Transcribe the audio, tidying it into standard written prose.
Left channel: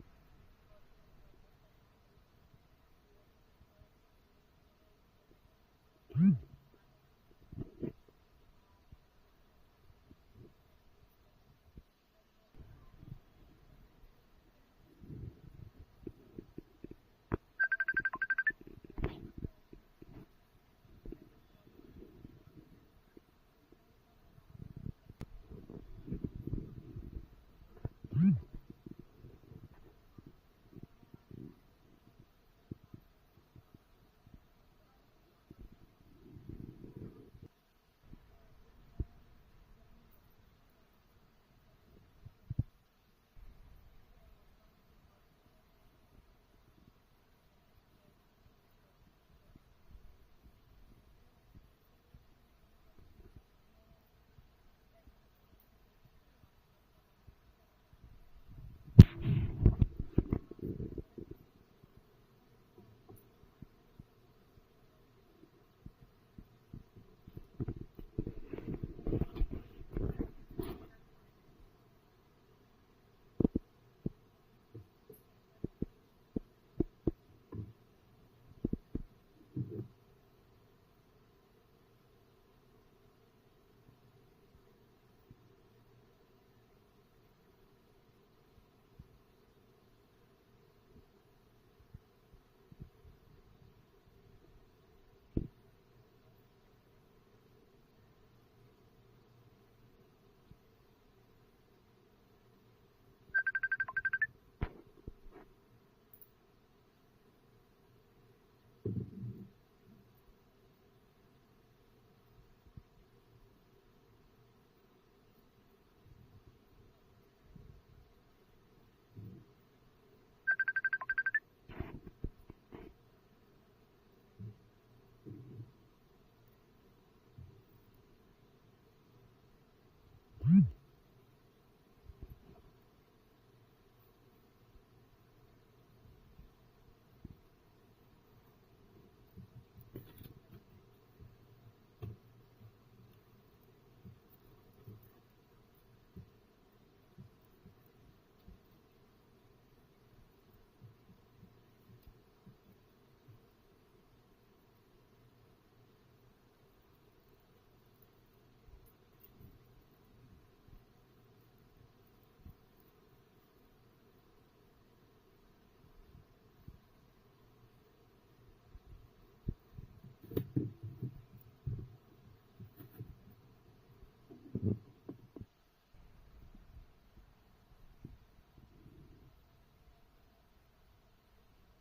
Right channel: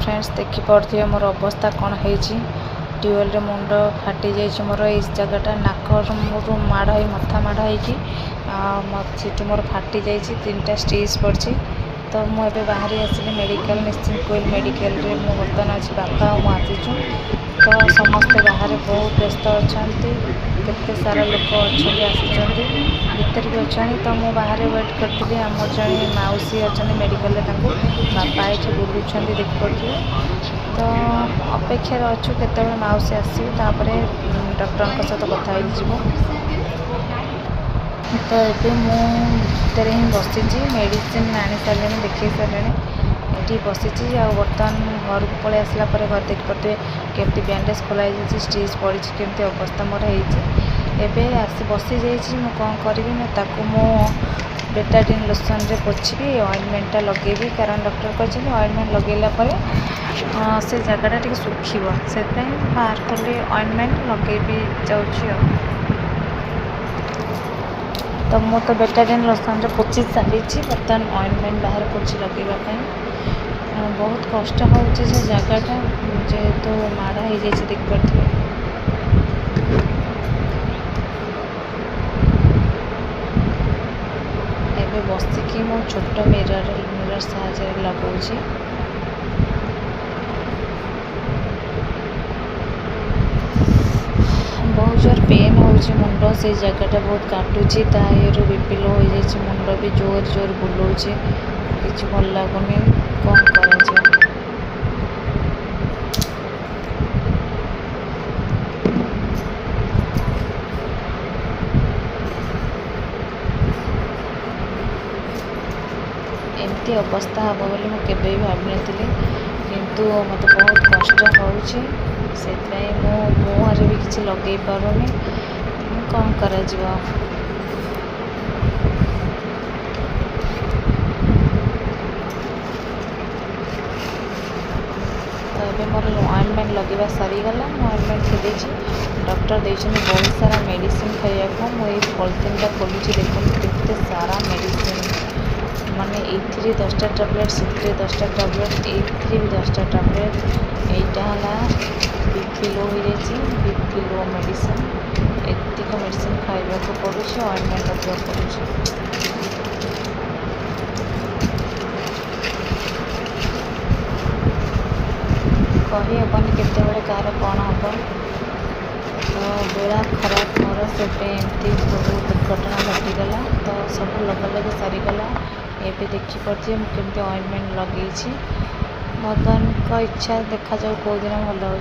Friends देखिपे मोर अवस्था कौन है ट्यूबवेल मुंड फाटी जाइए मोर ये जगटा नाक माड़ हो मथा माड़ हो मोर फाटी जाइए 3टा स्टिच पड़ी। तो मुझे बाहरी आसिली मेडिकल निश्चिंत कोइल मेडिकल रे मु बर्तमान अच्छी बापा आसीचु। तो समस्ते बाहर बहुत व्यस्त अच्छा केते सारा लोक अच्छा आसी भीतर भी अच्छा। तो मुझे बाहर वेट करी आम जड़े मौसी अच्छा मेडिकल बापा ये बुलूँ देखिपे। तो अपेक्षार अच्छु केत मौसी आसपर डॉक्टर सहित कथा हो। तो ये मुझे ही बसी मेडिसिन आनी सारे देखे सारे ये बसी बर्तमान घर को पलि आसला घर देखिपे केमती बैंडेज खोलाई स्टिच पड़ी केमती अवस्था मोर होती आसी बसी जाइए। मुझे कौन करी ना मु बेटाडिन लोशन रे पोछी ऑइंटमेंटा लगेबी कारण डॉक्टर कहते ऑइंटमेंट लगेला से जगटा टे सुखीब से बाहर कले ऑइंटमेंट लगेबी जाऊँ। तो मु तो बेटाडिन लोशन रे पोछी सारी बर्तमान ऑइंटमेंट बाहर पोछी लगेवाई बहुत कष्ट हो जगटा जेहेतु माड़ हो देखिपे। एबे बसिकी मो छोट मिरर साहाय्य लगाऊँ। बहुत जोर पेन हो मुंड से जगटा बहुत काटुची तारू बीपी लो हो जाए मुंड भी जोर जोर बुलाऊँ कि भल लगुनि कौन कर। एमती अवस्था हम बोली मुझे भावी नी किंतु मत बहुत कष्ट हो मुहर भी किसी लगे पारुनी कौन कर। तो ये मोर ऑइंटमेंट लगेगा सरीगला ऑइंटमेंट खेदी डॉक्टर देते बहुत सारा मेडिसिन खाइबा मुझे पॉलिथिन खोलुची देखते सारा मेडिसिन माने ये 10टा टैबलेट से 10टा टैबलेट ये भी 10टा टैबलेट यहाँ बीपी लो हो बीपी लो मेडिसिन एतिक मेडिसिन खाइबा को पड़ुछ ऑइंटमेंट लगे पड़ुछ। कही हेनी केतबे कार कौन हम। तो बेला खराब मोर से एमती सब दुर्घटना घटीगला। तो सब लगे सरीगला ये देखिपे मुझे ऑइंटमेंट लगे भगवान का इच्छा देखा जाऊ कौ दिन भल हो।